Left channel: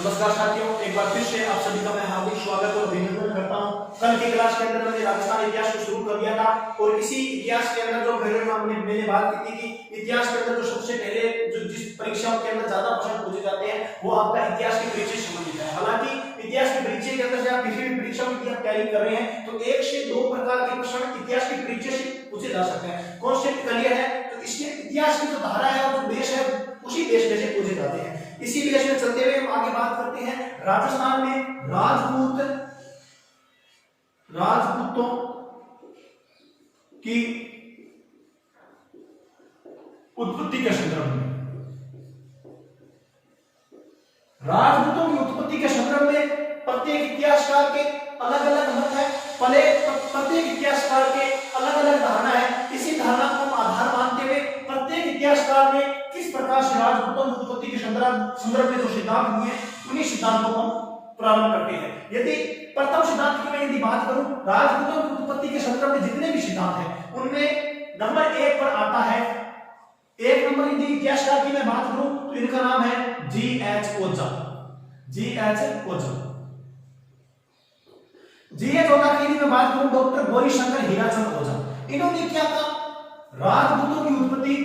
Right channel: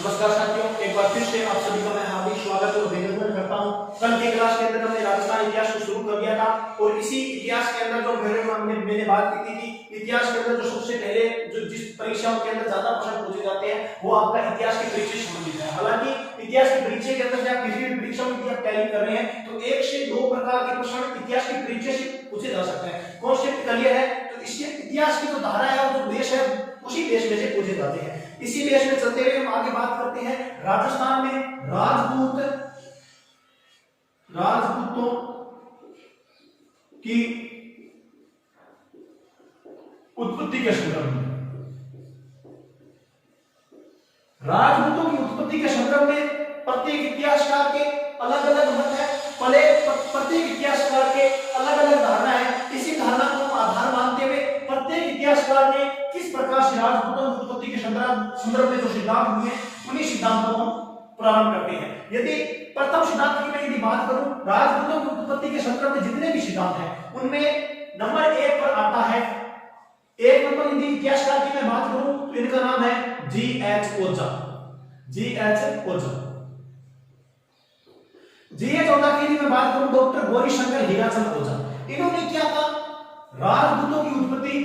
नमस्कार साथियों, एक बार फिर से आप सभी का मैं हार्दिक स्वागत और अभिनंदन करता हूं। कल के क्लास के अंदर हमने राजस्थान इतिहास को शुरू कर दिया था और इसी इतिहास के अंदर जो मैंने बात की थी कि इतिहास के अंदर जो सबसे पहले जो जिस परीक्षाओं के अंदर ज्यादा प्रश्न पूछे जाते हैं वो आपका इतिहास के परिचय संबंधित है। हालांकि इतिहास के परिचय के अंदर से आप किसी भी परीक्षाओं की तैयारी कर रहे हैं तो 1 से 2 प्रकार के प्रश्न इतिहास के परिचय से पूछे जा सकते हैं। कॉन्सेप्ट क्लियर है तो इसके इतिहास की जो धारा है और जो देश है उसी देश में से पूछे जाते हैं। इसी देश में चलते हुए हम आगे बात करते हैं राजस्थान में राजपूतों की उत्पत्ति के संदर्भ में। राजपूतों की उत्पत्ति के संदर्भ में प्रत्येक इतिहासकार के अलग अलग मत है। प्रत्येक इतिहासकार के अलग अलग धारणा है। इसी धारणा को आधार मानते हुए प्रत्येक इतिहासकार ने किस प्रकार से राजपूतों की उत्पत्ति के संदर्भ में जो सिद्धांत दिए उन्हीं सिद्धांतों को प्रारंभ करते हैं। यदि प्रथम सिद्धांत की मैं यदि बात करूं, राजपूतों की उत्पत्ति के संदर्भ में जितने भी सिद्धांत हैं उनमें नंबर 1 पर आता है, 1 नंबर यदि इतिहासकार की मैं बात करूं तो इनका नाम है जी.एच. ओझा। जी.एच. ओझा की यदि मैं बात करूं डॉक्टर गौरीशंकर हीराचंद ओझा। इन्होंने क्या कहा, राजपूतों की उत्पत्ति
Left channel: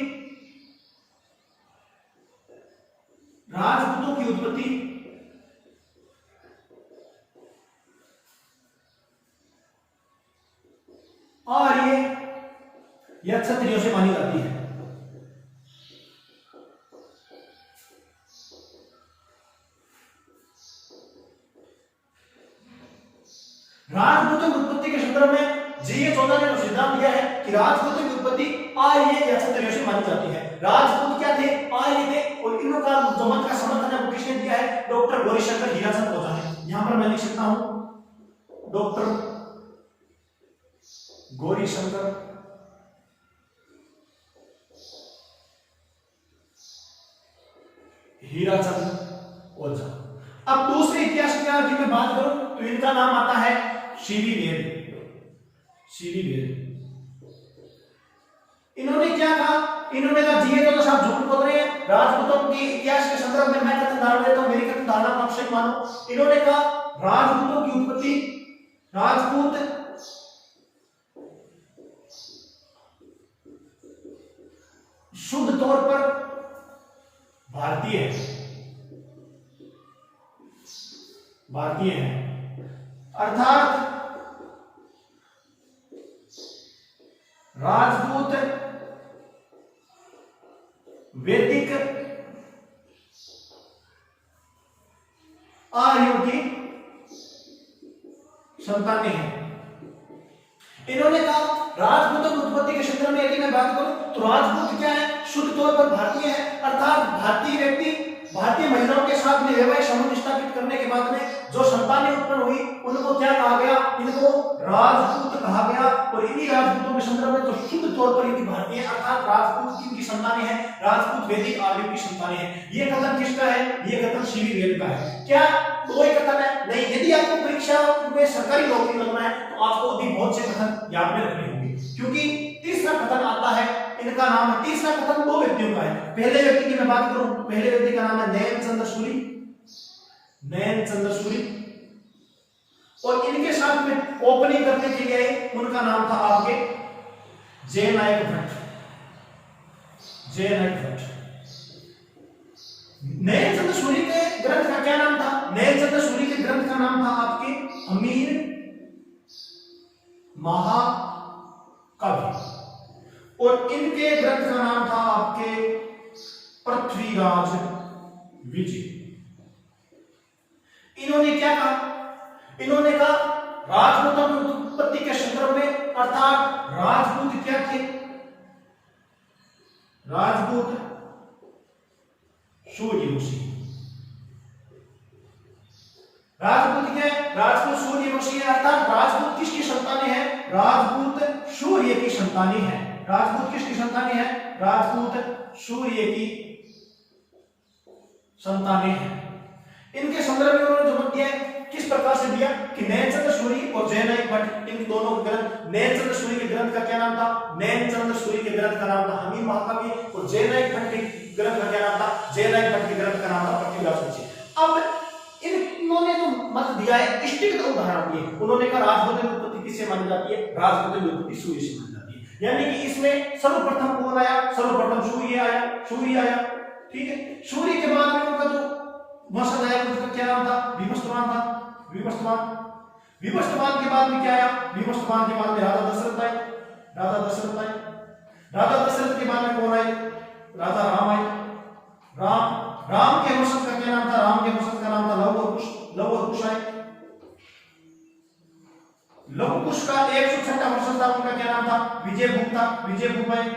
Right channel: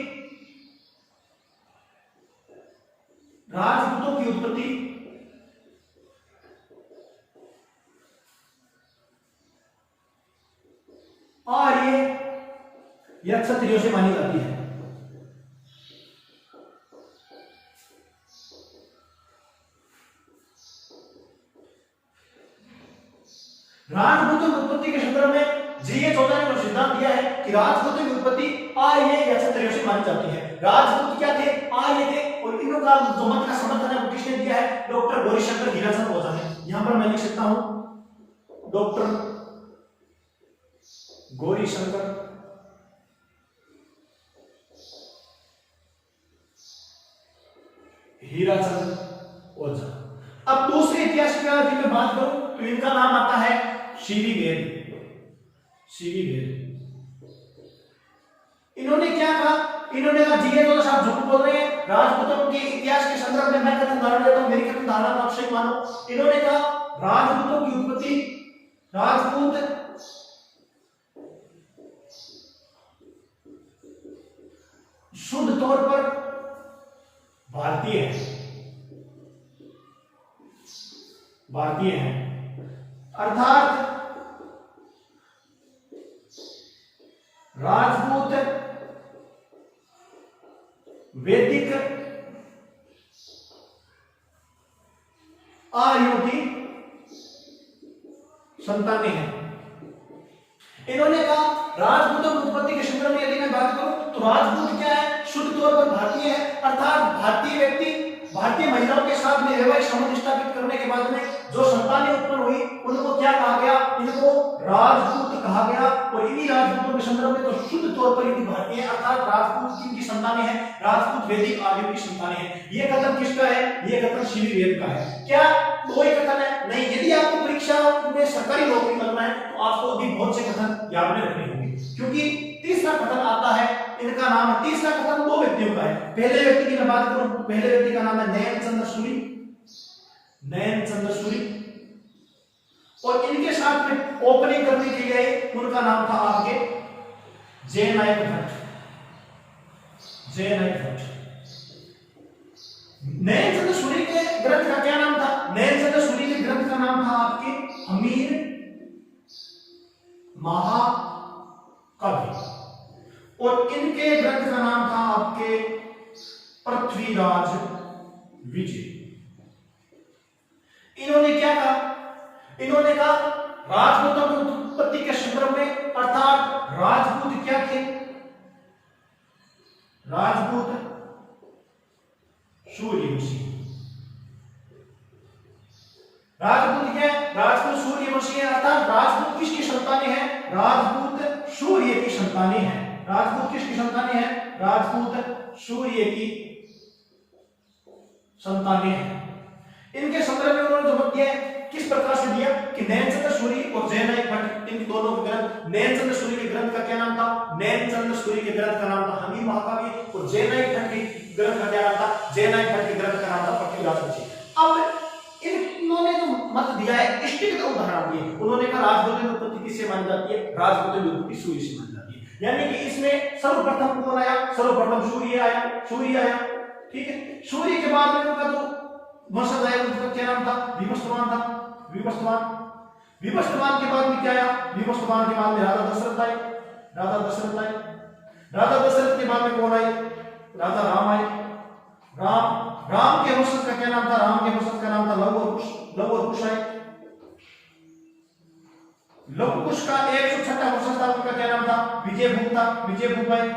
आर्य या क्षत्रियों से मानी जाती है। राजपूतों की उत्पत्ति के संदर्भ में जी.एच. ओझा ने सिद्धांत दिया है कि राजपूतों की उत्पत्ति आर्य या क्षत्रियों से मानी जाती है। राजपूत क्या थे? आर्य थे। और इन लोगों का जो मत का समर्थन है वो किसने दिया है? डॉक्टर गौरीशंकर हीराचंद ओझा ने। यहां पर मैं लिख सकता हूं डॉक्टर गौरीशंकर हीराचंद ओझा। अब दूसरे इतिहासकार की मैं बात करूं तो इनका नाम आता है सी.वी. वेद। इन्होंने क्या कहा? इन्होंने कहा जी.एच. ओझा साहब झूठ बोल रहे हैं, राजपूतों के इतिहास के संदर्भ में मैं कथन धारण देता हूं, मेरी कथन धारणा को अक्षय मानो। इन्होंने कहा राजपूतों की उत्पत्ति, राजपूत शुद्ध तौर पर भारतीय है, अर्थात राजपूत वैदिक आर्यों की संतानें हैं। इन्होंने कहा राजपूतों की उत्पत्ति के संदर्भ में यदि मैं बात करूं तो राजपूत क्या है? शुद्ध तौर पर भारतीय है, अर्थात भारतीय व्यक्ति भारतीय महिलाओं के साथ में वैवाहिक संबंध स्थापित करने के बाद में जो संतानें उत्पन्न हुई उनको क्या कहा गया? इनको राजपूत कहा गया। और इन्हीं राजपूतों के संदर्भ में तो शुद्ध तौर पर यदि भारतीय अर्थात राजपूत किनकी संतानें हैं? राजपूत वैदिक आर्यों की संतानें हैं। ये कथन किसका है? ये कथन सी.वी. वेद का है। क्या कोई कथन है? नहीं। यदि आपको परीक्षा में सरकारी नौकरी लगना है तो आपको अभी बहुत से कथन याद में रखने होंगे, क्योंकि तीसरा कथन आता है, इनका नाम है, तीसरा कथन 2 व्यक्तियों का है। पहले व्यक्ति की मैं बात करूं, पहले व्यक्ति का नाम है नयनचंद्र सूरी और इनके साथ में ओपनिंग करने के लिए उनका नाम था आपके जयनायक भट्ट। नयनचंद्र सूरी के ग्रंथ का क्या नाम था? नयनचंद्र सूरी के ग्रंथ का नाम था आपके हमीर महाकाव्य और इनके ग्रंथ का नाम था आपके पृथ्वीराज विजय। इन्होंने क्या कहा? इन्होंने कहा राजपूतों की उत्पत्ति के संदर्भ में, अर्थात राजपूत क्या थे? राजपूत सूर्यवंशी। राजपूत क्या है? राजपूत सूर्यवंशी है, अर्थात राजपूत किसकी संतानें हैं? राजपूत सूर्य की संतानें हैं। राजपूत किसकी संतानें हैं? राजपूत सूर्य की संतानें हैं। इनके संदर्भ में उन्होंने जो दिया किस प्रकार से दिया कि नयनचंद्र सूरी और जयनायक भट्ट, इन दोनों ग्रंथ, नयनचंद्र सूरी के ग्रंथ का क्या नाम था? नयनचंद्र सूरी के ग्रंथ का नाम था हमीर महाकाव्य और जयनायक भट्ट के ग्रंथ का क्या नाम था? जयनायक भट्ट के ग्रंथ का नाम था पृथ्वीराज विजय। अब अर्थ दिया है, इष्टिगत उदाहरण दिए। उन्होंने कहा राजपूत की उत्पत्ति किससे मानी जाती है? राजपूत की उत्पत्ति सूर्य से मानी जाती है। यानी कि इसमें सर्वप्रथम कौन आया? सर्वप्रथम सूर्य आया, सूर्य आया। ठीक है, सूर्य के बाद में उनका जो वंशज आया उनका क्या नाम था? विवस्वान था, विवस्वान। विवस्वान के बाद में क्या आया? विवस्वान के बाद में राजा दशरथ आए, राजा दशरथ आए। राजा दशरथ के बाद में कौन आए? राजा राम आए। राम के वंशज का क्या नाम था? राम के वंशज का नाम था लव और कुश, लव और कुश आए। लव कुश का 106वां वंशज था, उनका क्या नाम था? विजयभूप था, विजयभूप आए।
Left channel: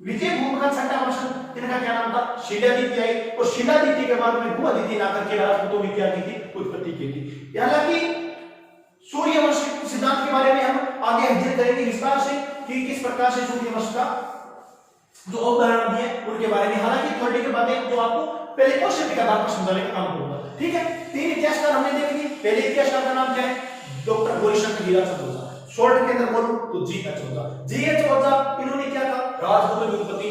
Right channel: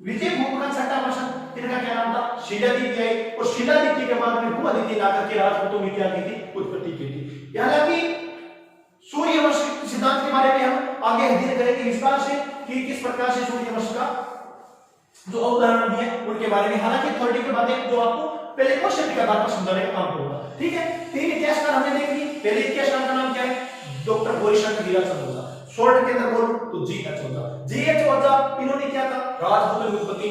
विजयभूप का 6वां वंशज इनका क्या नाम था? शिलादित्य आए। और शिलादित्य के बाद में भूआदित्य ने आकर के राजपूतों में क्या की थी? उत्पत्ति की थी। हालांकि सूर्य वंश सिद्धांत के बारे में हम आगे अध्ययन करेंगे विस्तार से कि किस प्रकार से सूर्य वंश का जो अवधारणा दी है उनके बारे में। हालांकि थ्योरेटिकल बातें जो आपको पहले क्वेश्चन के आधार पर समझाने का काम करूंगा। ठीक है, 3 इतिहासकार हमने देख लिए। पहले इतिहासकार का नाम क्या है? डॉक्टर गौरीशंकर हीराचंद ओझा। शॉर्ट के अंदर बोलूं तो जी.एच. ओझा। जी.एच. ओझा इन्होंने क्या था? राजपूतों की उत्पत्ति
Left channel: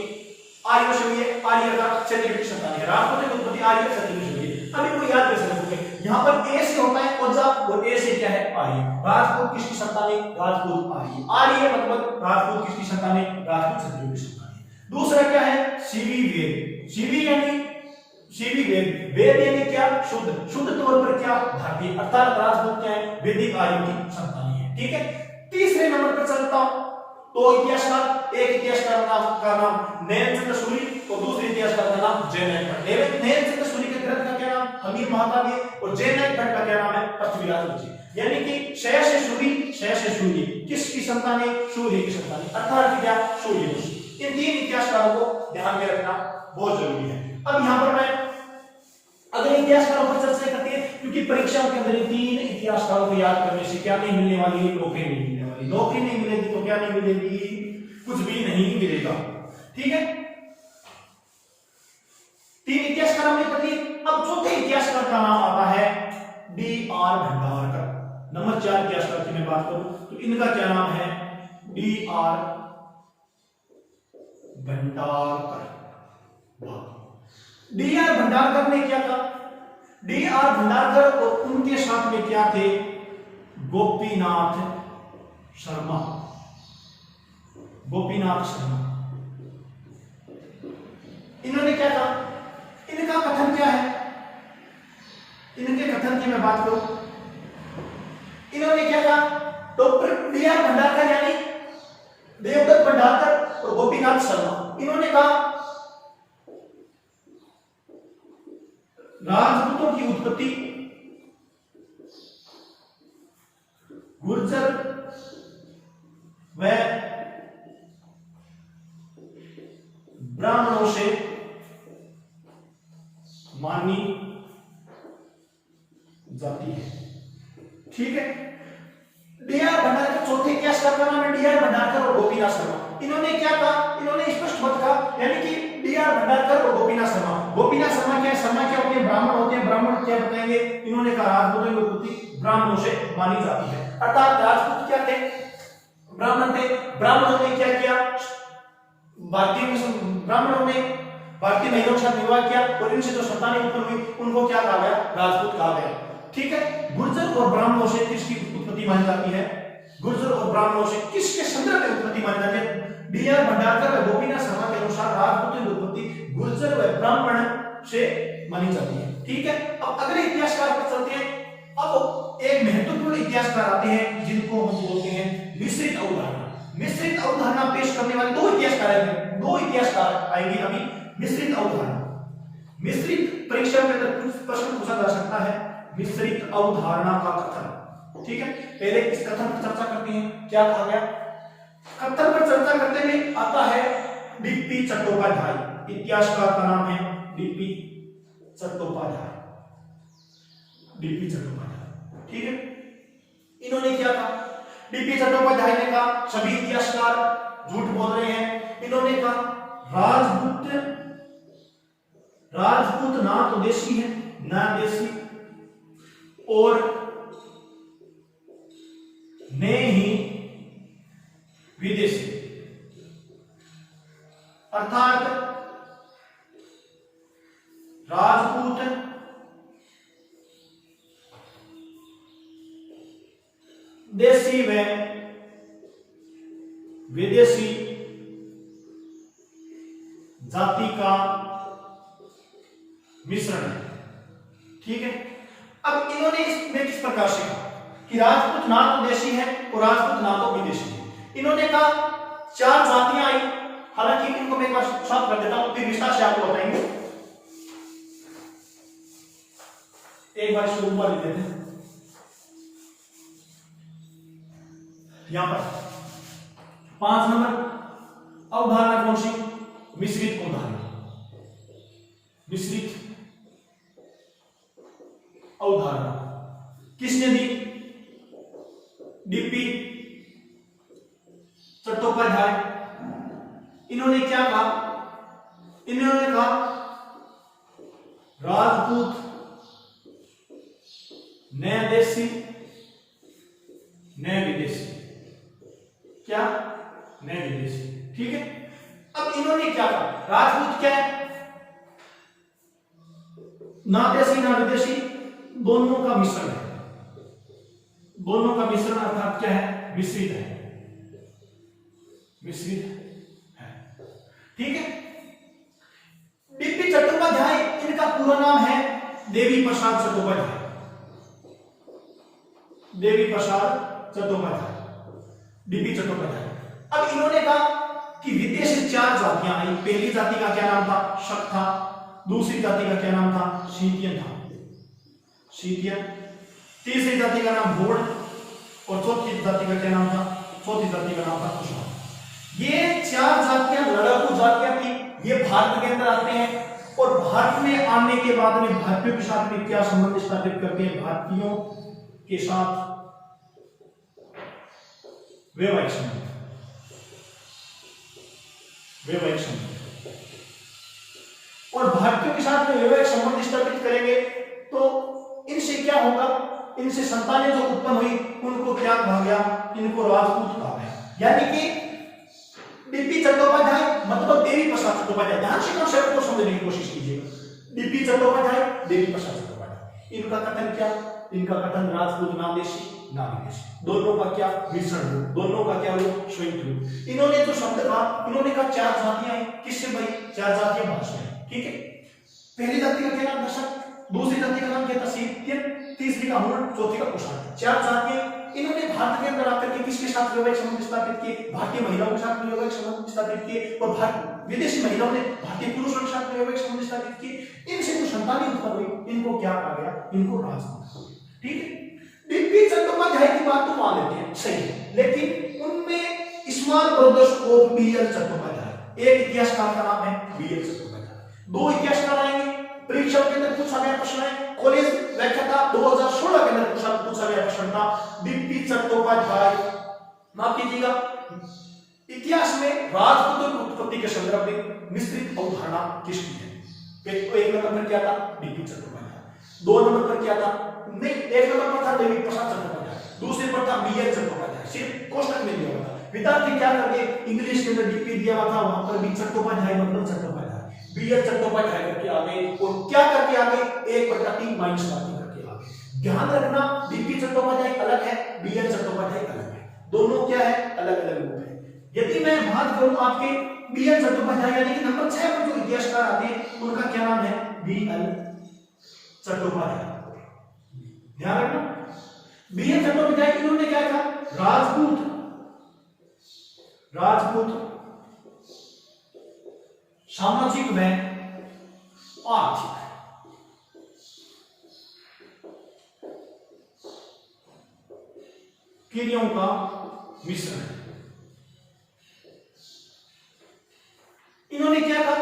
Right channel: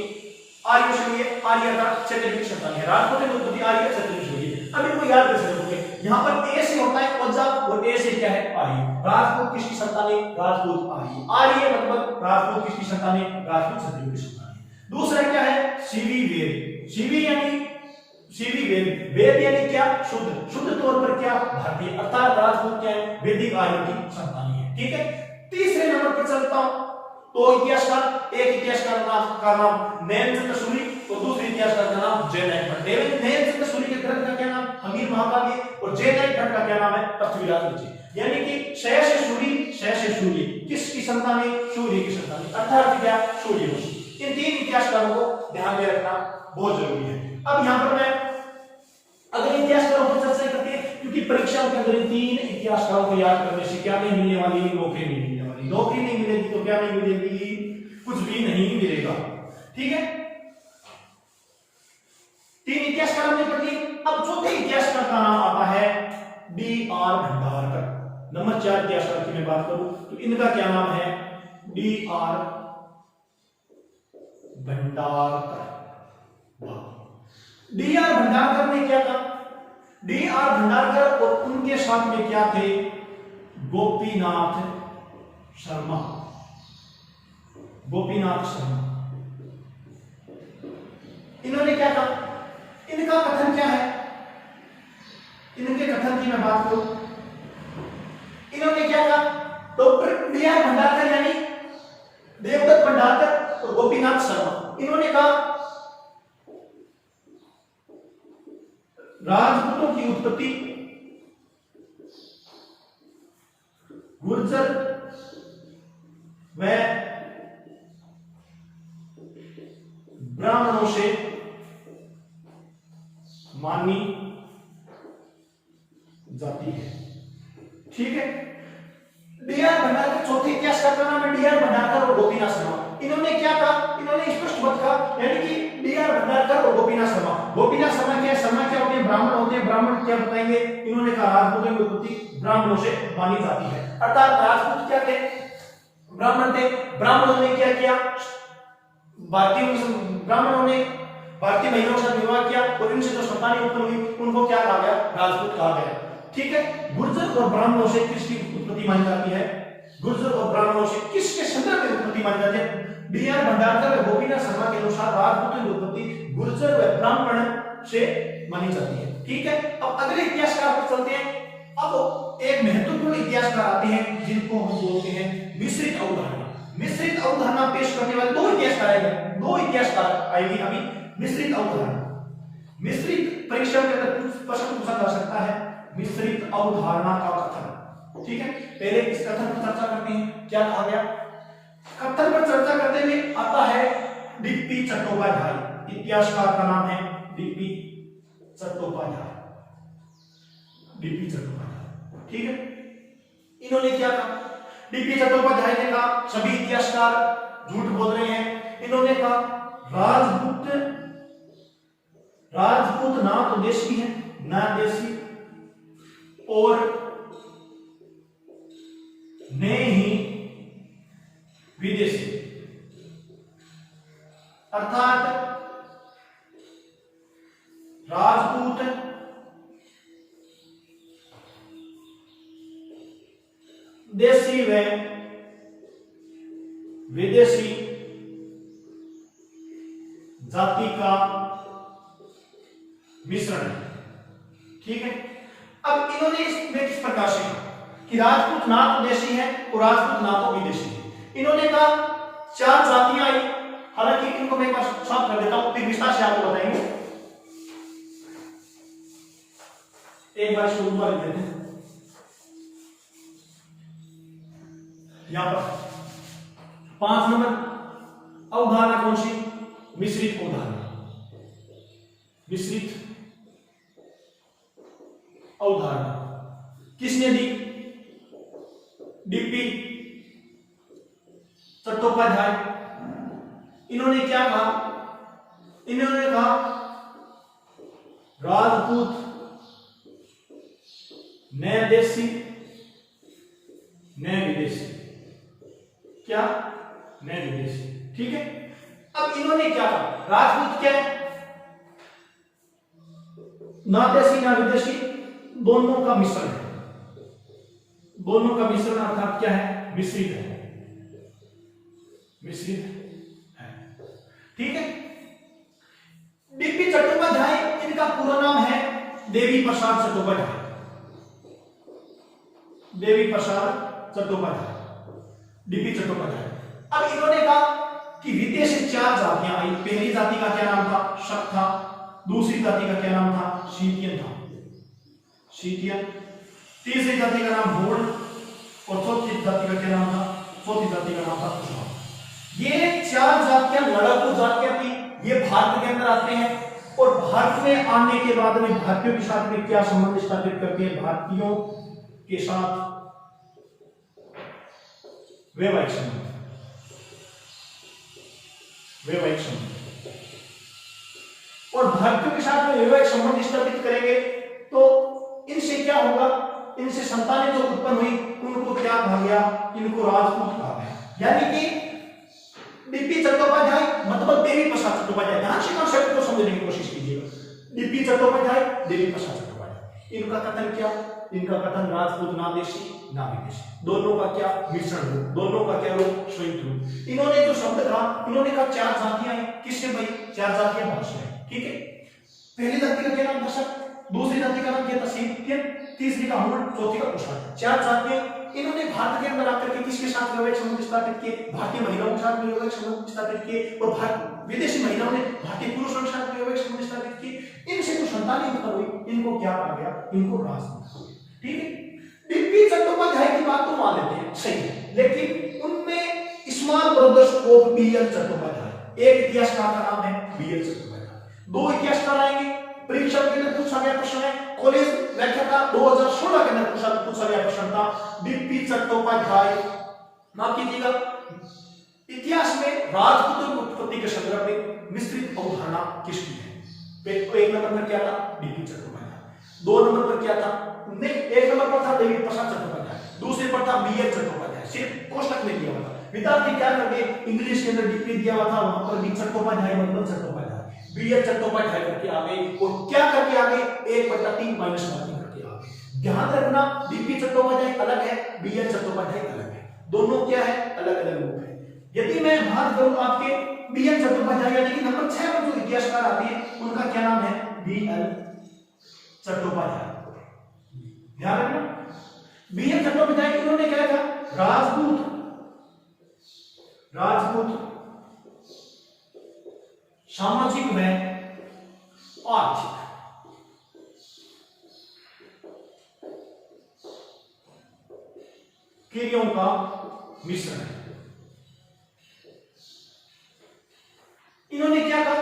आर्यों से हुई है। आर्य का क्षत्रिय की संतान है। राजपूतों की उत्पत्ति आर्य क्षत्रिय से हुई है। अभी वो याद कैसे रखोगे? यहाँ पर ए से होता है ओझा और ए से क्या है? आर्य। राजपूत किसकी संतान है? राजपूत आर्य। आर्य मतलब राजपूत किसकी संतान है? राजपूत क्षत्रिय की संतान है। दूसरा क्या है? सीवी वेद। सीवी यानी सीवी वेद, वेद यानी क्या? शुद्ध, शुद्ध तौर पर क्या? भारतीय, अर्थात राजपूत क्या है? वैदिक आर्यों की संतान है। ठीक है, तीसरे नंबर पर चलता हूं तो इतिहासकार, एक इतिहासकार का नाम नयनचंद्र सूरी और दूसरे इतिहासकार का नाम जयनाथ भट्ट। नयनचंद्र सूरी के ग्रंथ का क्या नाम? हमीर महाकाव्य और जयनाथ भट्ट का क्या नाम है? पृथ्वीराज रचि। यानी कि क्षय से सूर्य किसकी संतान है? सूर्य की संतान है, अर्थात क्या? सूर्य वंश। इन 3 इतिहासकारों को ध्यान में रखना बहुत जरूरी है। अब यहां पर मैं अगले इतिहासकारों पर चर्चा करते हैं, क्योंकि परीक्षाओं के अंदर 3 इतिहासकारों को याद करने से क्या नहीं मिलने वाली? नौकरी नहीं मिलने वाली। नौकरी नहीं मिलेगी तो क्या नहीं मिलेगी? कुछ भी नहीं मिलेगा। ठीक है, 3 इतिहासकार हमने पढ़ लिए। अब चौथे इतिहासकार का नाम आता है डी.आर. भंडारकर। नंबर 4 इतिहासकार की मैं बात करूं तो इनका क्या नाम है? डी.आर. भंडारकर। डी.आर. भंडारकर ने क्या कहा? डी.आर. भंडारकर और उनके साथ में क्या थे? गोपीनाथ शर्मा। गोपीनाथ शर्मा इन्होंने क्या कहा? इनका कथन क्या है? इनके कथन की मैं बात करूं, इन्होंने क्या कहा? Doctor DR. भंडारकर यानी देवदत्त भंडारकर और गोपीनाथ शर्मा, इन्होंने कहा राजपूतों की उत्पत्ति गुर्जर व ब्राह्मणों से मानी जाती है। ठीक है, डी.आर. भंडारकर, चौथे इतिहासकार का नाम है डी.आर. भंडारकर और गोपीनाथ शर्मा। इन्होंने क्या कहा? इन्होंने स्पष्ट मत कहा, यानी कि डी.आर. भंडारकर और गोपीनाथ शर्मा। गोपीनाथ शर्मा क्या है? शर्मा क्या होते हैं? ब्राह्मण होते हैं। ब्राह्मण क्या बताएंगे? इन्होंने कहा राजपूतों की उत्पत्ति ब्राह्मणों से मानी जाती है, अर्थात राजपूत क्या थे? ब्राह्मण थे। ब्राह्मणों ने क्या किया? ब्राह्मणों ने भारतीय महिलाओं के साथ विवाह किया और इनसे जो संतानें उत्पन्न हुई उनको क्या कहा गया? राजपूत कहा गया। ठीक है, गुर्जर और ब्राह्मणों से किसकी उत्पत्ति मानी जाती है? गुर्जर और ब्राह्मणों से किसके संदर्भ में उत्पत्ति मानी जाती है? डी.आर. भंडारकर और गोपीनाथ शर्मा के अनुसार राजपूतों की उत्पत्ति गुर्जर व ब्राह्मण से मानी जाती है। ठीक है, अब अगले इतिहासकार पर चलते हैं। अब एक महत्वपूर्ण इतिहासकार आते हैं जिनको हम बोलते हैं मिश्रित अवधारणा। मिश्रित अवधारणा पेश करने वाले 2 इतिहासकार आएंगे, 2 इतिहासकार आएंगे अभी। मिश्रित अवधारणा, मिश्रित परीक्षा के अंदर कुछ प्रश्न पूछा जा सकता है मिश्रित अवधारणा का कथन। ठीक है, पहले इस कथन पर चर्चा करते हैं। क्या कहा गया? कथन पर चर्चा करते हुए आता है डी.पी. चट्टोपाध्याय। इतिहासकार का नाम है डी.पी. चट्टोपाध्याय। डी.पी. चट्टोपाध्याय। ठीक है, इन्होंने क्या कहा? डी.पी. चट्टोपाध्याय ने कहा सभी इतिहासकार झूठ बोल रहे हैं। इन्होंने कहा राजपूत ना तो देशी है ना देशी और ने ही विदेशी, अर्थात राजपूत देशी व विदेशी जाति का मिश्रण है। ठीक है, अब इन्होंने इसमें किस प्रकार से कहा कि राजपूत ना तो देशी है और राजपूत ना तो विदेशी है। इन्होंने कहा 4 जातियां आई, हालांकि इनको मैं एक बार साफ कर देता हूं, फिर विस्तार से आपको बताएंगे। एक बार इसको ऊपर लिख देते हैं। यहां पर 5 नंबर अवधारणा कौन सी? मिश्रित अवधारणा। मिश्रित अवधारणा किसने दी? डीपी चट्टोपाध्याय। इन्होंने क्या कहा? इन्होंने कहा राजपूत नए देशी नए विदेशी। क्या? नए विदेशी। ठीक है, अब इन्होंने क्या कहा? राजपूत क्या है? ना देशी ना विदेशी, दोनों का मिश्रण है। दोनों का मिश्रण अर्थात क्या है? मिश्रित है। मिश्रित है। ठीक है, डीपी चट्टोपाध्याय, इनका पूरा नाम है देवी प्रसाद चट्टोपाध्याय। देवी प्रसाद चट्टोपाध्याय, डीपी चट्टोपाध्याय। अब इन्होंने कहा कि विदेशी 4 जातियां आई। पहली जाति का क्या नाम था? शक था। दूसरी जाति का क्या नाम था? शीतियन था। शीतियन। तीसरी जाति का नाम भूड़ और चौथी जाति का क्या नाम था? चौथी जाति का नाम था कुशवाहा। ये 4 जातियां लड़ाकू जातियां थी। ये भारत के अंदर आते हैं और भारत में आने के बाद में भारतीयों के साथ में क्या संबंध स्थापित करते हैं? भारतीयों के साथ वैवाहिक संबंध। वैवाहिक संबंध। और भारतीयों के साथ में वैवाहिक संबंध स्थापित करेंगे तो इनसे क्या होगा? इनसे संतानें जो उत्पन्न हुई उनको क्या कहा गया? इनको राजपूत कहा गया। यानी कि डीपी चट्टोपाध्याय मतलब देवी प्रसाद चट्टोपाध्याय। ध्यान से कंसेप्ट को समझने की कोशिश कीजिएगा। डीपी चट्टोपाध्याय, देवी प्रसाद चट्टोपाध्याय। इनका कथन क्या? इनका कथन राजपूत ना देशी ना विदेशी, दोनों का क्या? मिश्रण रूप। दोनों का क्या रूप? संयुक्त रूप। इन्होंने जो शब्द कहा, इन्होंने कहा 4 जातियां हैं। किससे भाई? 4 जातियां भाषा है। ठीक है, पहली जाति का क्या नाम था? शक। दूसरी जाति का नाम क्या था? शीतियन। तीसरी का हुड़, चौथी का कुशवाहा। 4 जातियां। इन्होंने भारत के अंदर आकर के किसके साथ वैवाहिक संबंध स्थापित किए? भारतीय महिलाओं के साथ वैवाहिक संबंध स्थापित किए और विदेशी महिलाओं ने भारतीय पुरुषों के साथ वैवाहिक संबंध स्थापित किए। इनसे जो संतानें उत्पन्न हुई इनको क्या कहा गया? इनको राजपूत। ठीक है, डीपी चट्टोपाध्याय की बात तो मान लेते हैं, सही है, लेकिन उनमें small brothers of BL Chattopadhyay, एक इतिहासकार का नाम है बीएल चट्टोपाध्याय। 2 इतिहासकार आएंगे। परीक्षा के अंदर पूछा गया प्रश्न है, कॉलेज व्याख्या का 2016 के अंदर पूछा गया प्रश्न था। डीपी चट्टोपाध्याय, माफ कीजिएगा, इतिहास में राजपूतों की उत्पत्ति के संदर्भ में मिश्रित अवधारणा किसकी है? तो 1 नंबर पर क्या था? डीपी चट्टोपाध्याय। 2 नंबर पर क्या था? नहीं, 1 नंबर पर था देवी प्रसाद चट्टोपाध्याय, दूसरे पर था बीएल चट्टोपाध्याय। सिर्फ कोष्टक में दिया हुआ था। विद्यार्थी क्या करते? इंग्लिश के अंदर डीपी दिया हुआ था, वहां पर भी चट्टोपाध्याय मतलब चट्टोपाध्याय, बीएल चट्टोपाध्याय करके आगे और क्या करके आगे? 1/3 माइनस करके आगे। ध्यान रखना, डीपी चट्टोपाध्याय अलग है, बीएल चट्टोपाध्याय अलग है। दोनों क्या है? अलग अलग रूप है। यदि मैं बात करूं आपके बीएल चट्टोपाध्याय यानी कि नंबर 6 पर जो इतिहासकार आते हैं उनका क्या नाम है? बीएल चट्टोपाध्याय। ध्यान रखना, बीएल चट्टोपाध्याय इन्होंने क्या था? राजपूत सामाजिक व आर्थिक क्रियाओं का मिश्रण है। इन्होंने क्या कहा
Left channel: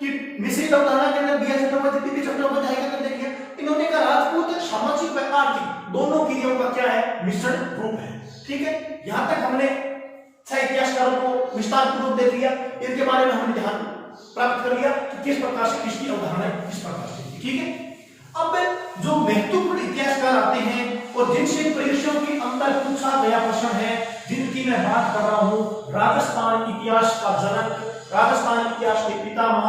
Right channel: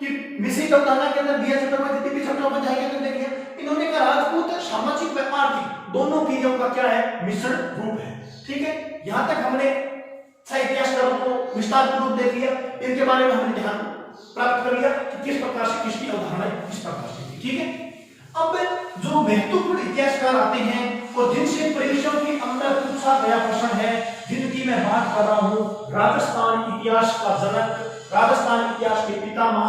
कि मिश्रित अवधारणा के अंदर बीएल चट्टोपाध्याय, डीपी चट्टोपाध्याय के अंदर देखिए, इन्होंने कहा राजपूत सामाजिक व आर्थिक दोनों क्रियाओं का क्या है? मिश्रण रूप है। ठीक है, यहां तक हमने 6 इतिहासकारों को विस्तार पूर्वक देख लिया। इनके बारे में हमने ध्यान प्राप्त कर लिया कि किस प्रकार से किसकी अवधारणा किस प्रकार से थी। ठीक है, अब जो महत्वपूर्ण इतिहासकार आते हैं और जिनसे परीक्षाओं के अंदर पूछा गया प्रश्न है, जिनकी मैं बात कर रहा हूं, राजस्थान इतिहास का जनक, राजस्थान इतिहास के पितामह,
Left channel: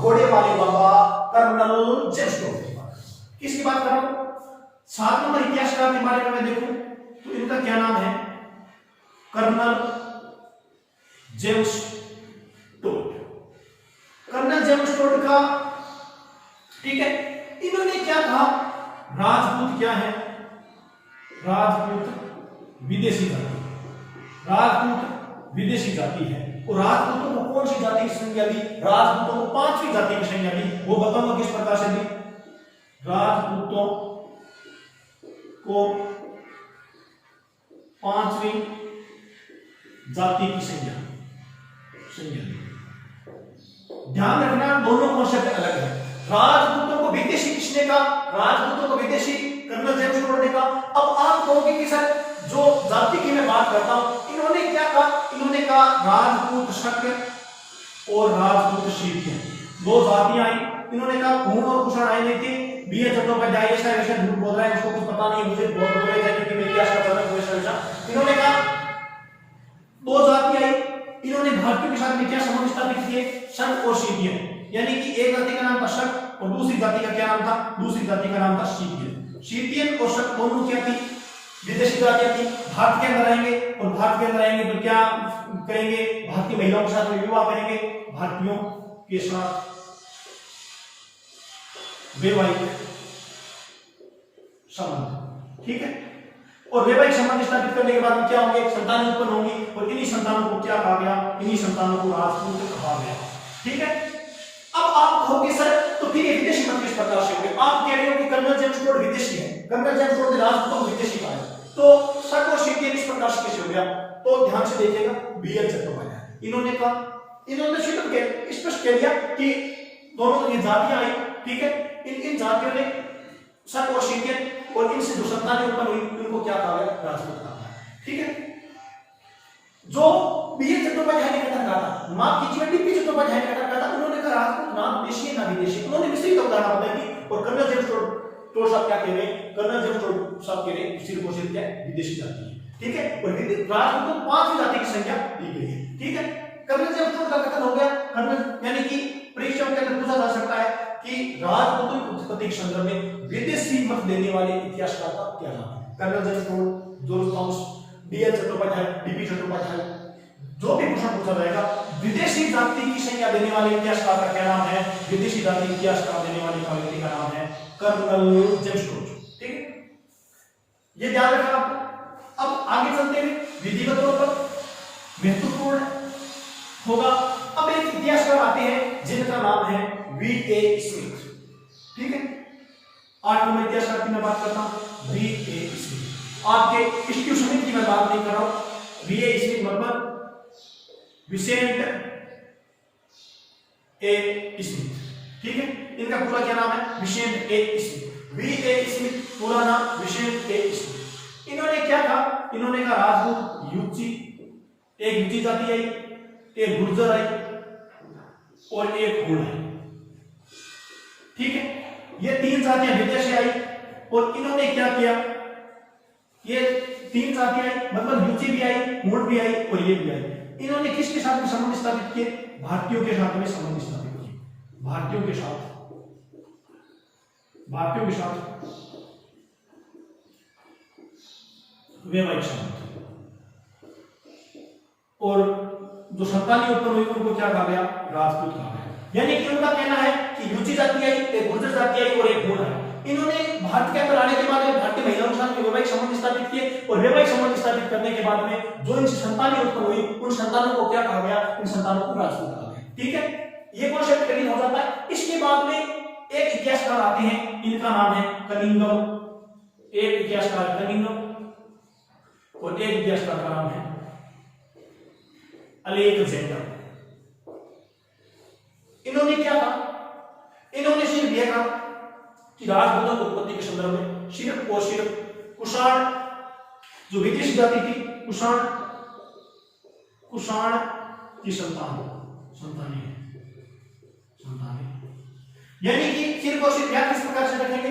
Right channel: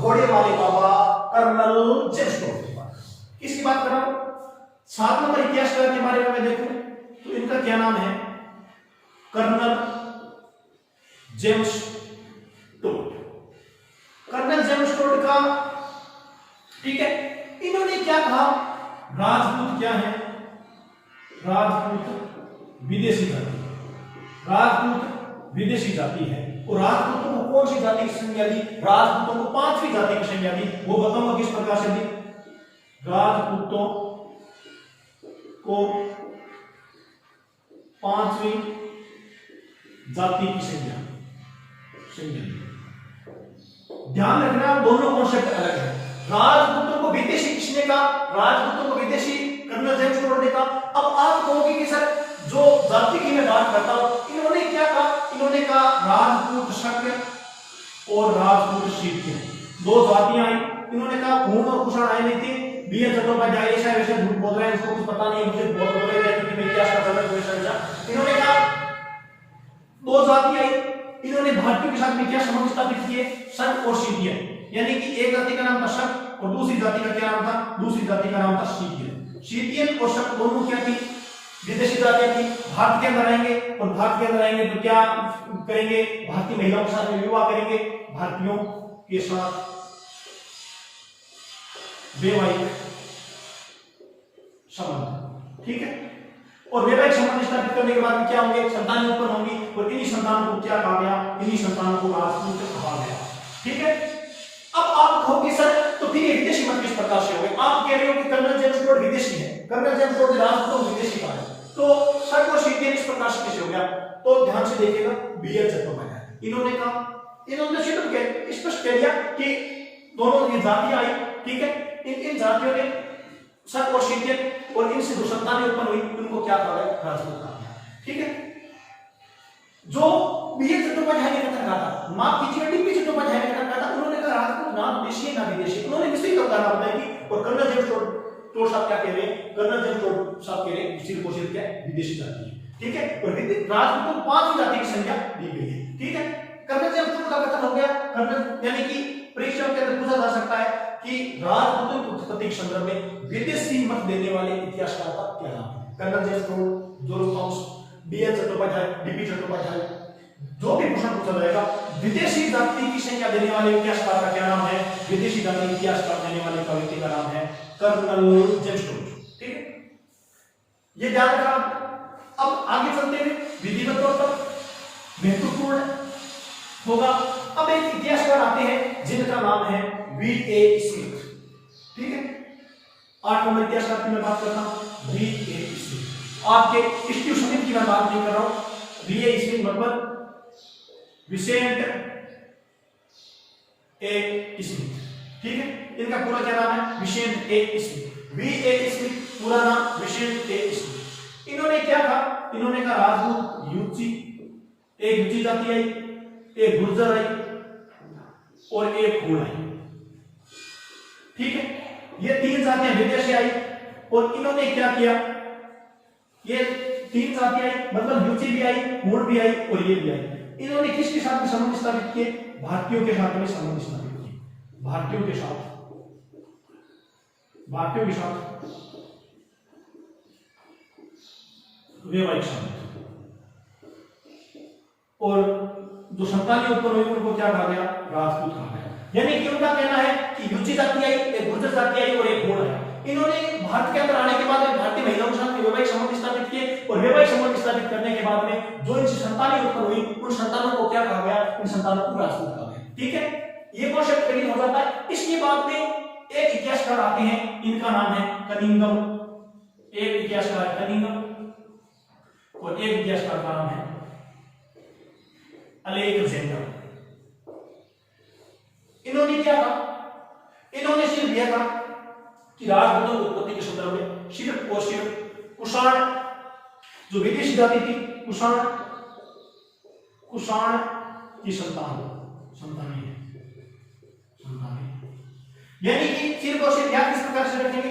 घोड़े वाले बाबा कर्नल जेम्स टॉड की बात। किसकी बात कर रहा हूं? 7 नंबर इतिहासकार के बारे में मैं देखूं तो इनका क्या नाम है? Colonel James Tod. Colonel James Tod का, ठीक है, इन्होंने क्या कहा? राजपूत क्या है? राजपूत विदेशी जाति, राजपूत विदेशी जाति है। और राजपूतों को कौन सी जाति की संज्ञा दी? राजपूतों को पांचवी जाति की संज्ञा दी। वो बताऊंगा किस प्रकार से दी। राजपूतों को पांचवी जाति की संज्ञा दी। ध्यान रखना, दोनों कॉन्सेप्ट अलग है। राजपूतों को विदेशी किसने कहा? राजपूतों को विदेशी कर्नल जेम्स टोड ने कहा। अब आप कहोगे कि सर जो जाति की मैं बात करता हूं, इन्होंने क्या कहा? इन्होंने कहा राजपूत शक और राजपूत शीर्षक, दो जातियां आई। इन्होंने कहा खून और कुषाण आए नहीं थे। बीएस चट्टोपाध्याय ऐसा वैसा झूठ बोल रहा है, उसको कुछ पता नहीं है, मुझे बहुत बोल रहे हैं कि मैं क्या कर रहा हूं। इन्होंने कहा दो जाति आई। इन्होंने भारतीयों के साथ में क्या संबंध स्थापित किए? शक और शीतियन, यानी कि एक जाति का नाम था शक और दूसरी जाति का क्या नाम था? दूसरी जाति का नाम था शीतियन। शीतियन और शक दोनों क्या थी? विदेशी जातियां थी। भारत के अंदर आएंगे और भारत के अंदर आएंगे तो क्या करेंगे? भारतीय महिलाओं के साथ में विवाह करेंगे, भारतीयों के साथ वैवाहिक संबंध, ठीक है। और वैवाहिक संबंध स्थापित करने के बाद में क्या होंगे? संतान उत्पन्न होंगी और इन्हीं संतानों को क्या कहा गया? इन्हीं संतानों को राजपूत कहा गया, ठीक है। अब आप कहोगे सर तो फिर ये विदेशी मत किस प्रकार से हो गए? आप कह रहे हो कि कर्नल जेम्स टोड विदेशी है, कर्नल जेम्स टोड ने राजपूतों को विदेशी कहा है, तो शक और शीतियन इस प्रकार से कैसे हो गया? तो ध्यान से देखिएगा, बीएल चट्टोपाध्याय इन्होंने कहा, इन्होंने स्पष्ट कह दिया कि दोनों ये जातियां आई, ठीक है, इन जातियों ने शक और शीतियन और इनसे जो संतानें उत्पन्न हुई उनको क्या कहा गया? राजपूत कहा गया, ठीक है। जो बीएल चट्टोपाध्याय ने कथन कहा था, माफ कीजिए डीपी चट्टोपाध्याय ने कथन कहा था, उन्होंने कहा राजपूत नाम देशी ना विदेशी, उन्होंने विस्तृत अवधारणा बताई थी। और कर्नल जेम्स टोड साहब क्या कह रहे हैं? कर्नल जेम्स टोड साहब कह रहे हैं सिर्फ और सिर्फ क्या है? विदेशी जाति है, ठीक है। और राजपूतों को पांचवी जाति की संज्ञा दी गई है, ठीक है। कर्नल जेम्स टोड का कथन हो गया। कर्नल यानी कि परीक्षा के अंदर पूछा जा सकता है कि राजपूतों की उत्पत्ति के संदर्भ में विदेशी मत देने वाले इतिहासकार का क्या नाम है? Colonel James Tod, Joseph Thomas, BL Chattopadhyay, DP Chattopadhyay, जो भी प्रश्न पूछा जाएगा विदेशी जाति की संज्ञा देने वाले इतिहासकार का क्या नाम है? विदेशी जाति इतिहासकार देने वाले का व्यक्ति का नाम है कर्नल जेम्स टोड, ठीक है। ये ध्यान रखना। अब आगे चलते हैं, विधिवत तौर पर महत्वपूर्ण होगा। अब एक इतिहासकार आते हैं जिनका नाम है वी.ए. स्मिथ, ठीक है। 8 नंबर इतिहासकार की मैं बात करता हूं, वी.ए. स्मिथ। आपके स्टीव स्मिथ की मैं बात नहीं कर रहा हूं। वी.ए. स्मिथ मतलब विसेंट ए. स्मिथ, ठीक है। इनका पूरा क्या नाम है? विसेंट ए. स्मिथ। वी.ए. स्मिथ पूरा नाम विसेंट ए. स्मिथ। इन्होंने क्या कहा? इन्होंने कहा राजपूत यूची, एक यूची जाति आई, एक गुर्जर आई और एक हुण आई, ठीक है। ये तीन जातियां विदेशी आई और इन्होंने क्या किया? ये तीन जातियां आई मतलब यूची भी आई, हुण भी आई और ये भी आई। इन्होंने किसके साथ में संबंध स्थापित किए? भारतीयों के साथ में संबंध स्थापित किए। भारतीयों के साथ वैवाहिक संबंध। और जो संतानें उत्पन्न हुई उनको क्या कहा गया? राजपूत कहा गया। यानी कि उनका कहना है कि यूची जाति आई, एक गुर्जर जाति आई और एक हुण आई। इन्होंने भारत के अंदर आने के बाद में भारतीय महिलाओं के साथ वैवाहिक संबंध स्थापित किए और वैवाहिक संबंध स्थापित करने के बाद में जो इनसे संतानें उत्पन्न हुई उन संतानों को क्या कहा गया? इन संतानों को राजपूत कहा गया, ठीक है। ये कॉन्सेप्ट क्लियर हो जाता है। इसके बाद में एक इतिहासकार आते हैं, इनका नाम है कनिंघम। एक इतिहासकार कनिंघम और एक इतिहासकार का नाम है अलेक्जेंडर। इन्होंने क्या कहा? इन्होंने सिर्फ यह कहा कि राजपूतों की उत्पत्ति के संदर्भ में सिर्फ और सिर्फ कुषाण जो विदेशी जाति थी, कुषाण की संतानें, यानी कि सिर्फ और सिर्फ किस प्रकार से रखेंगे?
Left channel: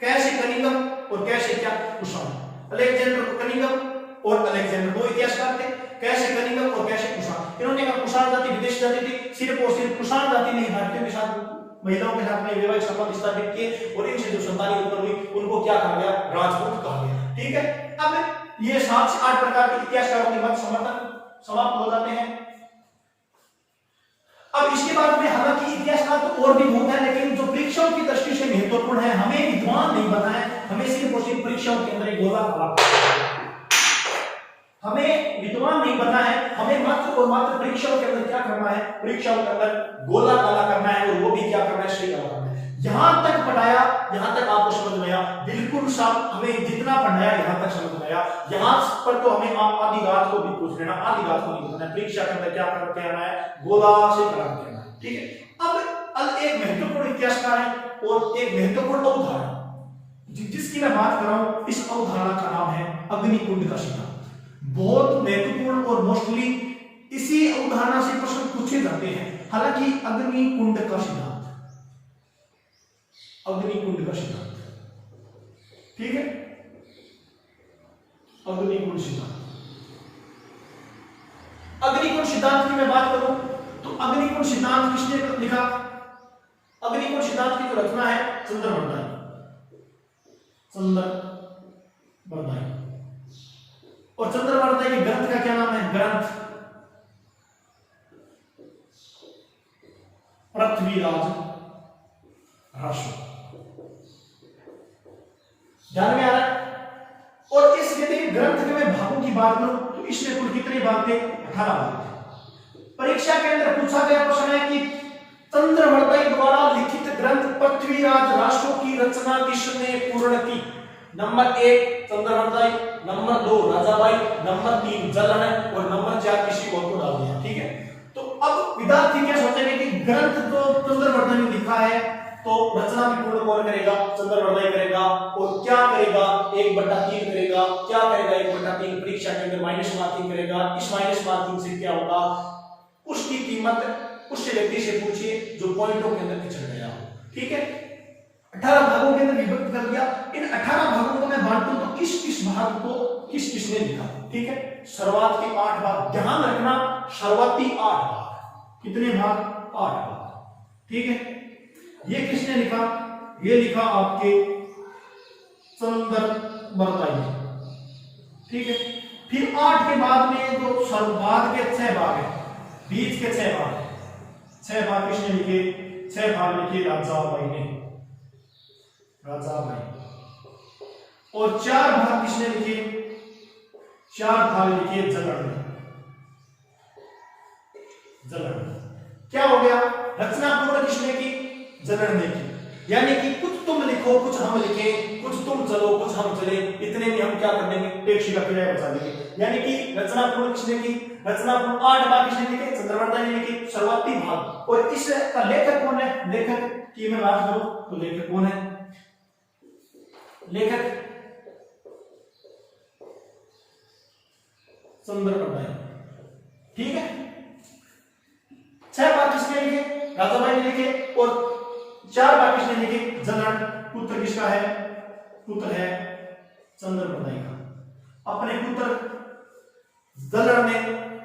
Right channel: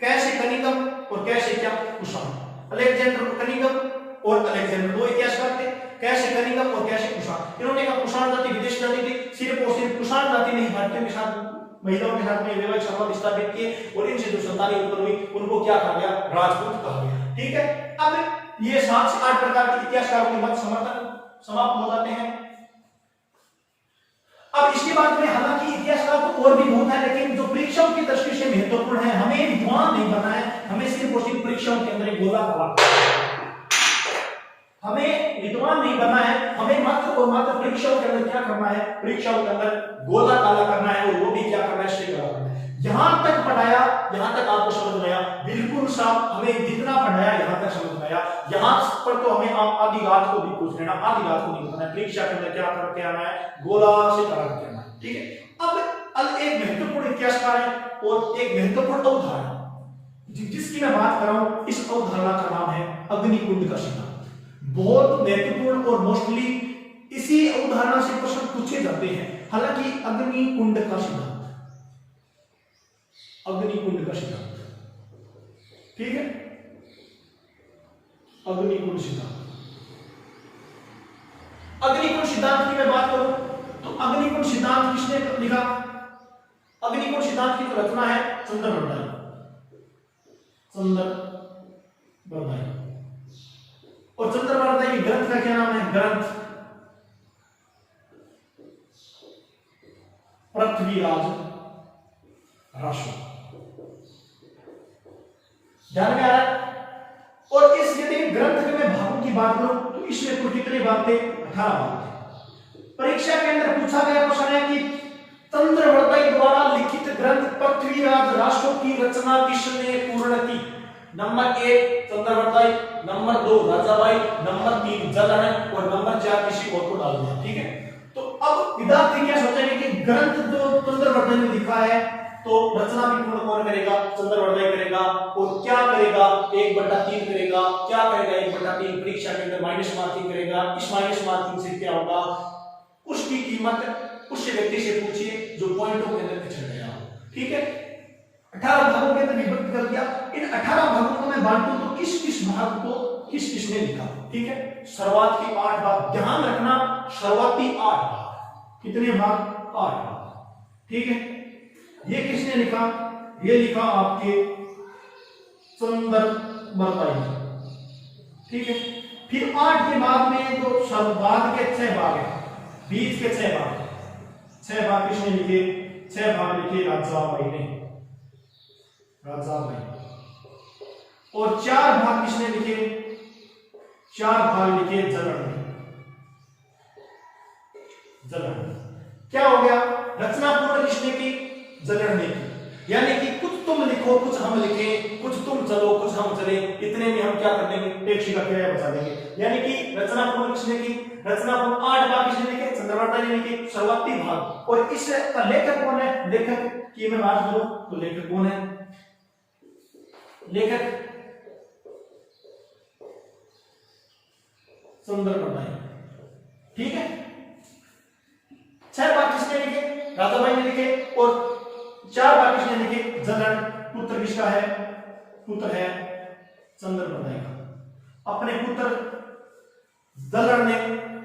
कैसे कनिंघम और कैसे क्या कुषाण। अलेक्जेंडर कनिंघम और अलेक्जेंडर दो इतिहासकार थे, कैसे कनिंघम और कैसे कुषाण। इन्होंने कहा कुषाण जाति विदेशी जाति थी, सिर्फ और सिर्फ कुषाण जाति ने भारतीयों के साथ महिलाओं के साथ में वैवाहिक संबंध स्थापित किए और इनसे जो संतानें उत्पन्न हुई उनको क्या कहा गया? राजपूत कहा गया, ठीक है। अब ये 7 से 8 प्रकार के इतिहासकारों के मत समर्थन समाप्त हो जाते हैं। अब इसके बाद में हालांकि इतिहासकार तो और भी बहुत है, लेकिन जो परीक्षाओं की दृष्टि से महत्वपूर्ण है, हमें विद्वान नहीं बनना है, हमें सिर्फ और सिर्फ परीक्षाओं के अंदर एक गोला काला, हमें विद्वान नहीं बनना है, हमें मात्र और मात्र परीक्षाओं के अंदर क्या करना है, परीक्षाओं के अंदर गोला काला करना है, और वो भी क्या करना है, श्री काला करना है। यहां तक पढ़ाया, यहां तक आपको समझ में आया, बिल्कुल साफ, हमें जितना पढ़ाया यहां तक समझ में आया। यहां पर तो हमें आधी रात को भी पूछ लेना, आधी रात को नहीं बताना है, परीक्षा के अंदर क्या करके आना है, गोला से करा के आना है, ठीक है। अब एक महत्वपूर्ण इतिहासकार है और एक महत्वपूर्ण अवधारणा जिसकी मैं बात कर रहा हूं, इस अवधारणा का नाम है अग्निकुंड का सिद्धांत। बहुत महत्वपूर्ण और मोस्टली इसी अवधारणा से प्रश्न पूछे जाते हैं। हालांकि अग्निकुंड का सिद्धांत, अग्निकुंड का सिद्धांत, ठीक है, अग्निकुंड सिद्धांत। अग्निकुंड सिद्धांत की मैं बात करूं तो अग्निकुंड सिद्धांत किसने लिखा? अग्निकुंड सिद्धांत की जो रचना है चंद्रवर्दाई, चंद्रवर्दाई। और चंद्रवर्दाई के ग्रंथ का क्या नाम है? ग्रंथ पृथ्वीराज रासो। ध्यान में आ रहा है? और इस यदि ग्रंथ के मैं भागों की बात करूं तो इसमें कुल कितने भाग थे? 18 भाग थे। परीक्षा के अंदर पूछा गया प्रश्न है कि चंद्रवर्दाई द्वारा लिखित ग्रंथ पृथ्वीराज रासो की रचना किसने पूर्ण की? नंबर 1 चंद्रवर्दाई, नंबर 2 राजाबाई, नंबर 3 जलन और नंबर 4 किसी और को डाल दिया, ठीक है। तो अब विद्यार्थी क्या सोचेंगे कि ग्रंथ जो चंद्रवर्दाई ने लिखा है तो रचना भी पूर्ण कौन करेगा? चंद्रवर्दाई करेगा। और क्या करेगा? 1/3 करेगा। क्या करेगा? 1/3 परीक्षा के अंदर माइनस मार्किंग करेगा। इस माइनस मार्किंग से क्या होगा? उसकी कीमत उस व्यक्ति से पूछिए जो पॉइंटों के अंदर पिछड़ गया हो, ठीक है। 18 भागों के अंदर विभक्त कर दिया। इन 18 भागों को मैं बांटूं तो किस किस भाग को किस किसने लिखा, ठीक है। शुरुआत के 8 भाग, ध्यान रखना, शुरुआती 8 भाग। कितने भाग? 8 भाग, ठीक है। ये किसने लिखा? ये लिखा आपके चंद्रवर्दाई, ठीक है। फिर 8 के बाद में जो बाद के 6 भाग है, बीच के 6 भाग, 6 भाग किसने लिखे? 6 भाग लिखे राजाबाई ने, राजाबाई। और 4 भाग किसने लिखे? 4 भाग लिखे जलन ने, जलन। क्या हो गया? रचना पूर्ण किसने की? जलन ने की। यानी कि कुछ तुम लिखो, कुछ हम लिखें, कुछ तुम चलो, कुछ हम चले, इतने में हम क्या कर देंगे? टेक्स्ट का क्रिया बचा देंगे। यानी कि रचना पूर्ण किसने की? रचना पूर्ण 8 भाग किसने लिखे? चंद्रवर्दाई ने लिखे, शुरुआती भाग। और इसका लेखक कौन है? लेखक की मैं बात करूं तो लेखक कौन है? लेखक चंद्रवर्दाई, ठीक है। 6 भाग किसने लिखे? राजाबाई ने लिखे। और 4 भाग किसने लिखे? जलन। पुत्र किसका है? पुत्र है चंद्रवर्दाई का। अपने पुत्र जलन ने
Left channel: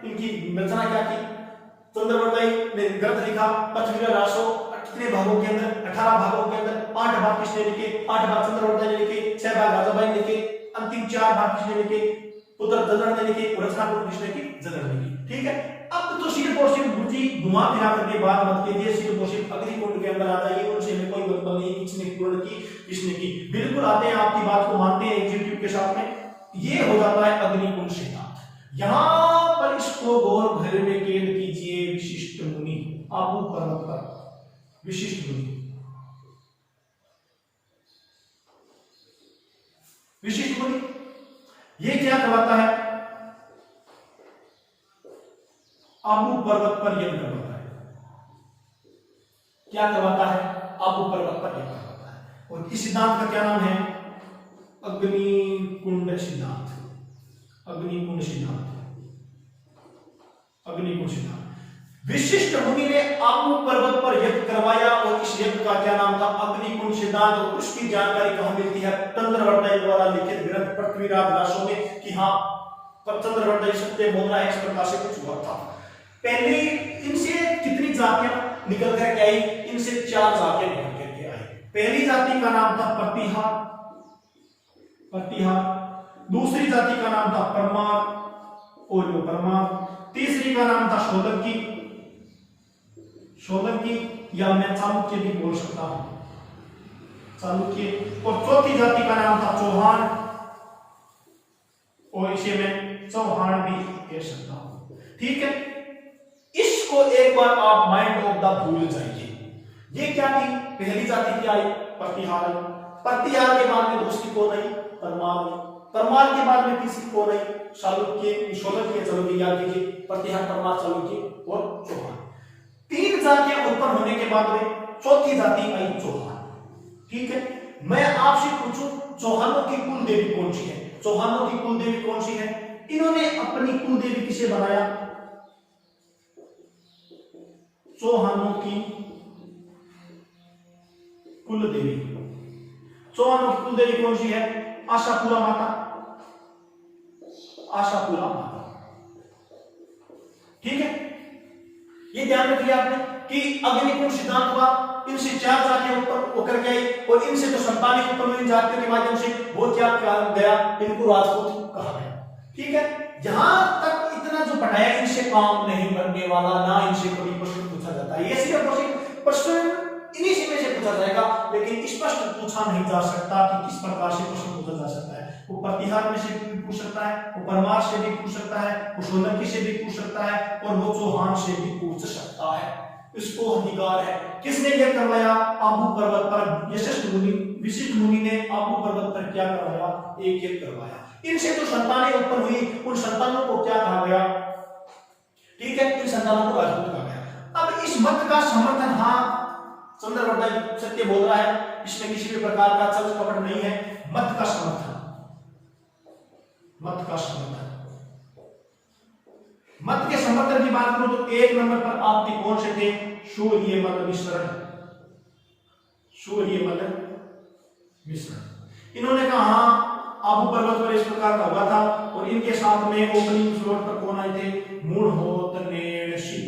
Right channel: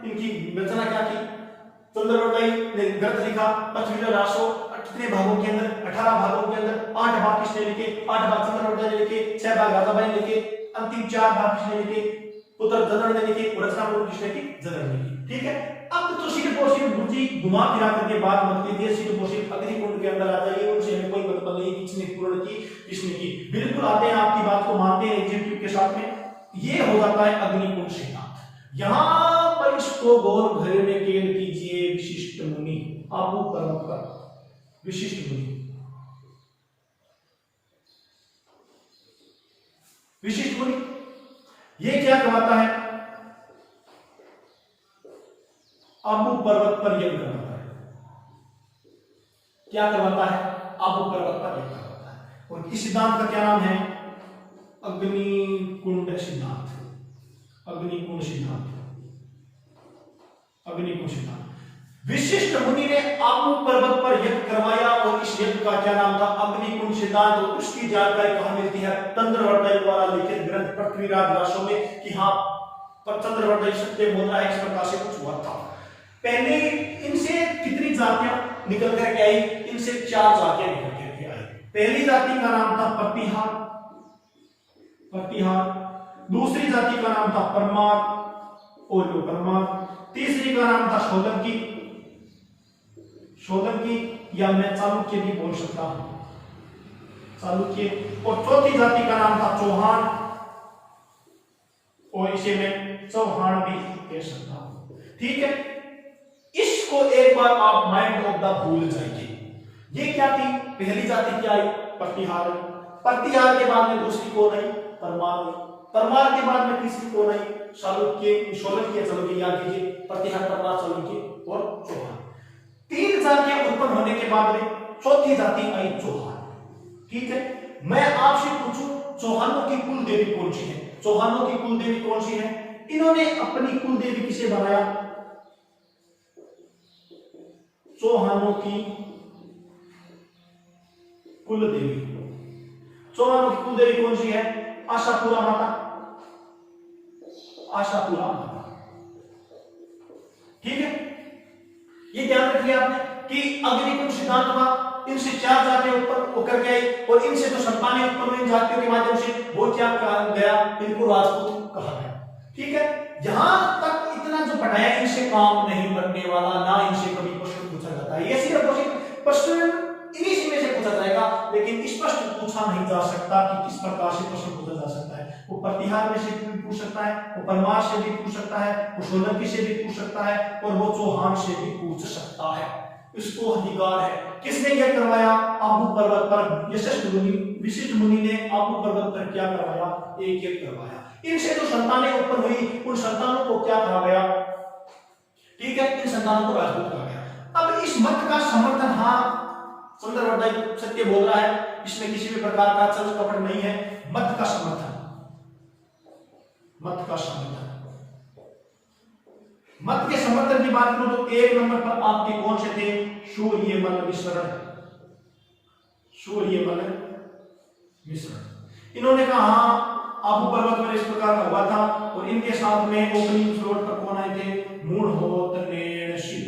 इनकी रचना क्या की? चंद्रवर्दाई ने ग्रंथ लिखा पृथ्वीराज रासो। कितने भागों के अंदर? 18 भागों के अंदर 8 भाग किसने लिखे? 8 भाग चंद्रवर्दाई ने लिखे, 6 भाग राजाबाई ने लिखे, अंतिम 4 भाग किसने लिखे? पुत्र जलन ने लिखे। और रचना पूर्ण किसने की? जलन ने की, ठीक है। अब तो सिर्फ और सिर्फ बुद्धि घुमा फिरा करके बात मत कीजिए, सिर्फ और सिर्फ अग्निकुंड के अंदर आ जाइए, उनसे हमें कोई मतलब नहीं किसने पूर्ण की किसने की। बिल्कुल आते हैं, आपकी बात को मानते हैं एग्जीक्यूटिव के साथ में। ये हो जाता है अग्निकुंड सिद्धांत। यहां पर इसको गौर भरे में केंद्र कीजिए। विशिष्ट मुनि, आबू पर्वत पर विशिष्ट मुनि, विशिष्ट मुनि ये क्या करवाता है? आबू पर्वत पर यज्ञ करवाता है। क्या करवाता है? आबू पर्वत पर यज्ञ करवाता है। और इस सिद्धांत का क्या नाम है? अग्निकुंड सिद्धांत, अग्निकुंड सिद्धांत, अग्निकुंड सिद्धांत। विशिष्ट मुनि ने आबू पर्वत पर यज्ञ करवाया और इस यज्ञ का क्या नाम था? अग्निकुंड सिद्धांत। और उसकी जानकारी कहां मिलती है? चंद्रवर्दाई द्वारा लिखित ग्रंथ पृथ्वीराज रासो में कि हाँ चंद्रवर्दाई सत्य बोल रहा है, इस प्रकार से कुछ हुआ था। पहले इनसे कितनी जातियां निकल कर आई? इनसे 4 जातियां निकल करके आई। पहली जाति का नाम था प्रतिहार, प्रतिहार। दूसरी जाति का नाम था परमार और वो परमार, तीसरी का नाम था सोलंकी, सोलंकी या मैं चालुक्य भी बोल सकता हूं, चालुक्य, और चौथी जाति का नाम था चौहान और इसे मैं चौहान भी कह सकता हूं। ठीक है, इसको एक बार आप माइंड ऑफ द भूल जाइए। ये क्या थी? पहली जाति क्या आई? प्रतिहार। प्रतिहार के बाद में दूसरी कौन आई? परमार। परमार के बाद में तीसरी कौन आई? चालुक्य, सोलंकी, चालुक्य याद कीजिए, प्रतिहार, परमार, चालुक्य और चौहान। तीन जातियां उत्पन्न होने के बाद में चौथी जाति आई चौहान। ठीक है, मैं आपसे पूछूं चौहानों की कुल देवी कौन सी है? चौहानों की कुल देवी कौन सी है? इन्होंने अपनी कुल देवी किसे बनाया? चौहानों की कुल देवी, चौहानों की कुल देवी कौन सी है? आशापुरा माता, आशापुरा माता। ठीक है, ये ध्यान रखिए आपने कि अग्निकुंड सिद्धांत हुआ, इनसे चार जातियां ऊपर होकर के आई और इनसे जो संतानें उत्पन्न हुई जातियों के माध्यम से वो क्या कहा गया? इनको राजपूत कहा गया। ठीक है, यहां तक इतना जो पढ़ाया इनसे काम नहीं बनने वाला, ना इनसे कभी प्रश्न पूछा जाता है। ये सिर्फ प्रश्न इन्हीं में से पूछा जाएगा, लेकिन स्पष्ट पूछा नहीं जा सकता कि किस प्रकार से प्रश्न पूछा जा सकता है। वो प्रतिहार में से भी पूछ सकता है, वो परमार से भी पूछ सकता है, वो सोलंकी से भी पूछ सकता है और वो चौहान से भी पूछ सकता है। इसको अधिकार है। किसने यह करवाया? आबू पर्वत पर विशिष्ट मुनि ने आबू पर्वत पर क्या करवाया? एक एक करवाया। इनसे जो संतानें उत्पन्न हुई उन संतानों को क्या कहा गया? ठीक है, इन संतानों को राजपूत कहा गया। अब इस मत का समर्थन, हाँ सुंदरवर्धन सत्य बोल रहा है, इसमें किसी भी प्रकार का छल कपट नहीं है। मत का समर्थन, मत का समर्थन, मत के समर्थन की बात करो तो एक नंबर पर आपके कौन से थे? सूर्यमल मिश्र, सूर्यमल मिश्र। इन्होंने कहा हाँ आबू पर्वत पर इस प्रकार का हुआ था और इनके साथ में ओपनिंग फ्लोट पर कौन आए थे? मूढ़ोत्नेषि।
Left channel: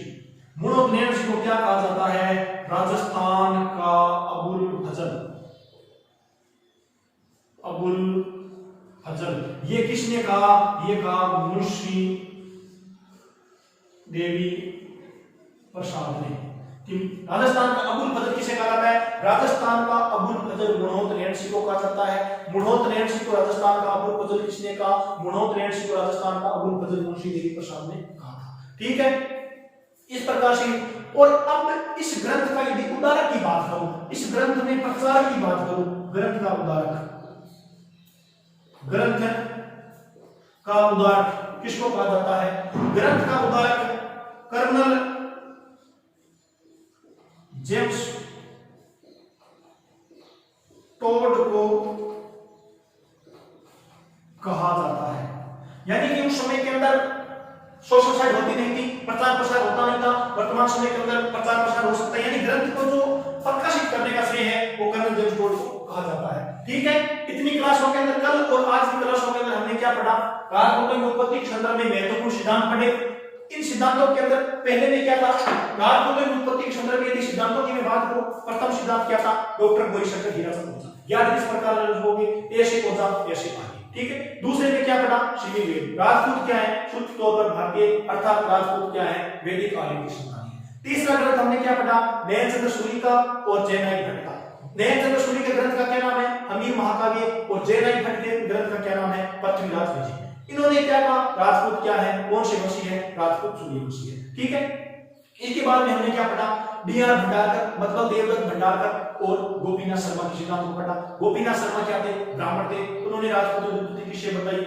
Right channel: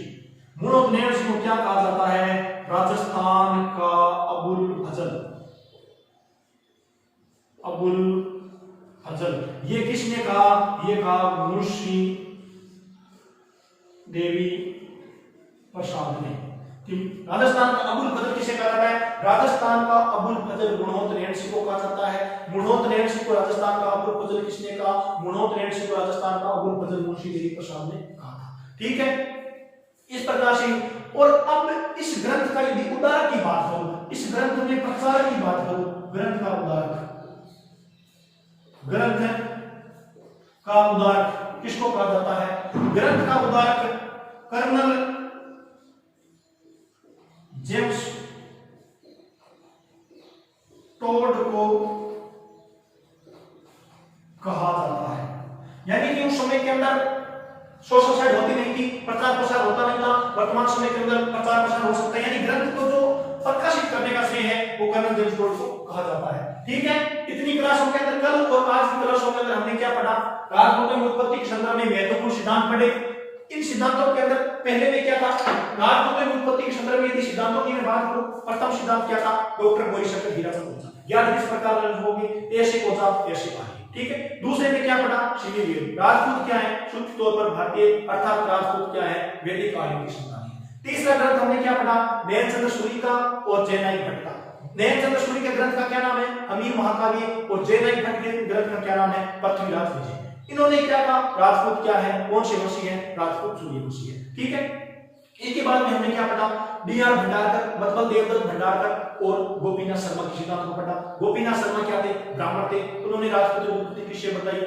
मूढ़ोत्नेषि को क्या कहा जाता है? राजस्थान का अबुल फजल, अबुल फजल। ये किसने कहा? ये कहा मुंशी देवी प्रसाद ने कि राजस्थान का अबुल फजल किसे कहा जाता है? राजस्थान का अबुल फजल मूढ़ोत्नेषि को कहा जाता है। मूढ़ोत्नेषि को राजस्थान का अबुल फजल किसने कहा? मूढ़ोत्नेषि को राजस्थान का अबुल फजल मुंशी देवी प्रसाद ने कहा था। ठीक है, इस प्रकार से। और अब इस ग्रंथ का यदि उदारक की बात करूं, इस ग्रंथ में प्रचारक की बात करूं, ग्रंथ का उदारक, ग्रंथ का उदारक किसको कहा जाता है? ग्रंथ का उदारक कर्नल जेम्स टोड को कहा जाता है। यानी कि उस समय के अंदर सोशल साइड होती नहीं थी, प्रचार प्रसार होता नहीं था। वर्तमान समय के अंदर प्रचार प्रसार हो सकता है, यानी ग्रंथ को जो प्रकाशित करने का श्रेय है वो कर्नल जेम्स टोड को कहा जाता है। ठीक है, इतनी क्लासों के अंदर कल और आज की क्लासों के अंदर हमने क्या पढ़ा? राजपूतों की उत्पत्ति के संदर्भ में महत्वपूर्ण सिद्धांत पढ़े। इन सिद्धांतों के अंदर पहले में क्या था? राजपूतों की उत्पत्ति के संदर्भ में यदि सिद्धांतों की मैं बात करूं, प्रथम सिद्धांत क्या था? डॉक्टर बोरीशंकर हीराचंद ओझा। याद किस प्रकार होगी? ऐसे ओझा ऐसे पाही। ठीक है, दूसरे में क्या पढ़ा? श्री वेद। राजपूत क्या है? शुद्ध तौर पर भारतीय, अर्थात राजपूत क्या है? वैदिक आर्यों की संतान है। तीसरा ग्रंथ हमने क्या पढ़ा? नयनचंद्र सूरी का और जयनायक भट्ट का। नयनचंद्र सूरी के ग्रंथ का क्या नाम है? हमीर महाकाव्य। और जयनायक भट्ट के ग्रंथ का क्या नाम है? पृथ्वीराज विजय। इन्होंने क्या कहा? राजपूत क्या है? कौन से वंशी है? राजपूत सूर्यवंशी है। ठीक है, इसके बाद में हमने क्या पढ़ा? D.R. भंडारकर मतलब देवदत्त भंडारकर और गोपीनाथ शर्मा के सिद्धांत को पढ़ा। गोपीनाथ शर्मा क्या थे? ब्राह्मण थे। उन्होंने राजपूतों की उत्पत्ति विषय बताई।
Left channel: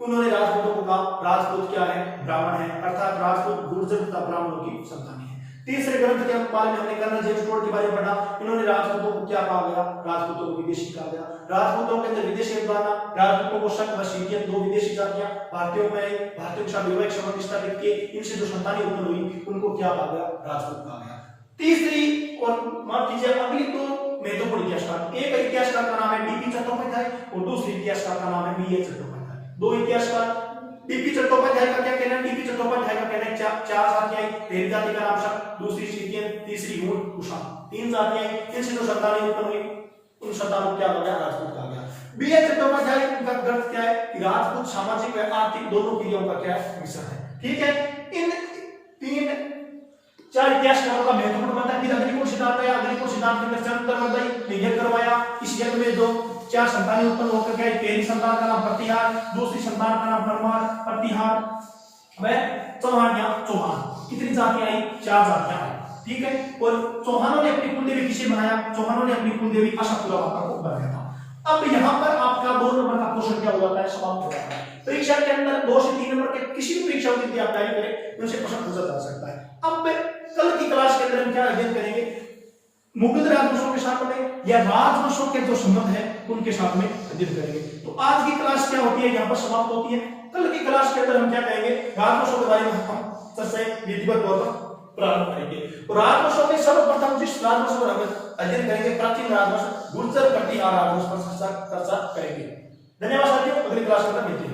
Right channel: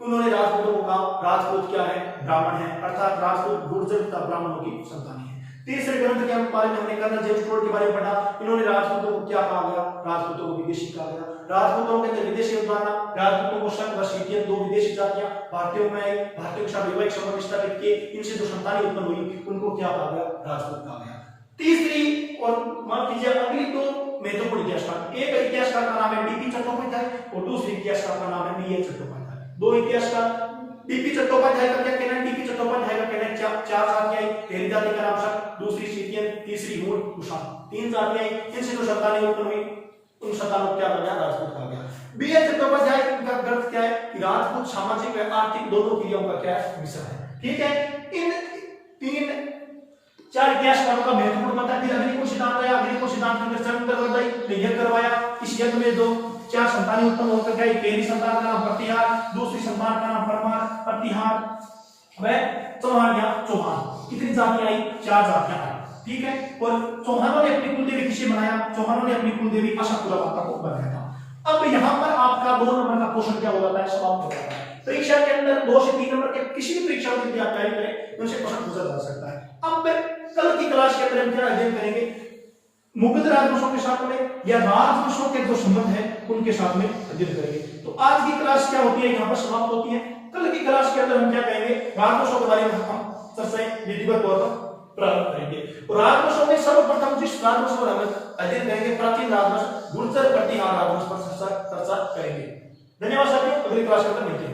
उन्होंने राजपूतों को कहा राजपूत क्या है? ब्राह्मण है, अर्थात राजपूत गुर्जर तथा ब्राह्मणों की संतान है। तीसरे ग्रंथ के बारे में हमने कर्नल जेम्स टोड के बारे में पढ़ा। इन्होंने राजपूतों को क्या कहा गया? राजपूतों को विदेशी कहा गया। राजपूतों के अंदर विदेशी अवधारणा, राजपूतों को शक व सीटियन, दो विदेशी जातियां भारतीयों में आई, भारतीयों के साथ वैवाहिक संबंध स्थापित किए, इनसे जो संतानें उत्पन्न हुई उनको क्या कहा गया? राजपूत कहा गया। तीसरी और मान लीजिए अगली तो महत्वपूर्ण इतिहासकार, एक इतिहासकार का नाम है डीपी चट्टोपाध्याय और दूसरे इतिहासकार का नाम है बीए चट्टोपाध्याय। दो इतिहासकार। डीपी चट्टोपाध्याय का क्या कहना है? डीपी चट्टोपाध्याय का कहना है चार जातियां, पहली जाति का नाम शक, दूसरी सीटियन, तीसरी मूल कुषाण। तीन जातियां, इनसे जो संतानें उत्पन्न हुई उन शताब्दी क्या बन गया, राजपूत आ गया। बीए चट्टोपाध्याय का ग्रंथ क्या है कि राजपूत सामाजिक व आर्थिक दोनों क्रियाओं का क्या है, मिश्रण है। ठीक है, इन तीन चार इतिहासकारों का महत्वपूर्ण मत है कि अग्निकुल सिद्धांत या अग्निकुल सिद्धांत में चंद्रवर्धय ने यह करवाया। इस यज्ञ में जो चार संतानें उत्पन्न होकर गई, पहली संतान का नाम प्रतिहार, दूसरी संतान का नाम परमार, प्रतिहार व चौहान। कितनी जातियां आई, चार जातियां आई। ठीक है, और चौहानों ने अपनी कुलदेवी किसे बनाया, चौहानों ने अपनी कुलदेवी आशापुरा माता को बनाया था। अब यहाँ पर आपका 2 नंबर का क्वेश्चन क्या हो जाता है, समाप्त हो जाता है। परीक्षा के अंदर 2 से 3 नंबर के किसी भी परीक्षा की आप तैयारी करें तो उनसे क्वेश्चन पूछा जा सकता है। अब कल की क्लास के अंदर हम क्या अध्ययन करेंगे, मुगल राजवंशों के साथ में या राजवंशों के जो संबंध है उनके साथ में अध्ययन करेंगे। तो आज की क्लास क्या होती है, यहाँ पर समाप्त होती है। कल की क्लास के अंदर हम क्या करेंगे, राजवंशों के बारे में हम चर्चा विधिवत तौर पर प्रारंभ करेंगे। और राजवंशों में सर्वप्रथम जिस राजवंश पर हम अध्ययन करेंगे, प्राचीन राजवंश गुर्जर प्रतिहार राजवंश पर चर्चा करेंगे। धन्यवाद साथियों, अगली क्लास में मिलते हैं।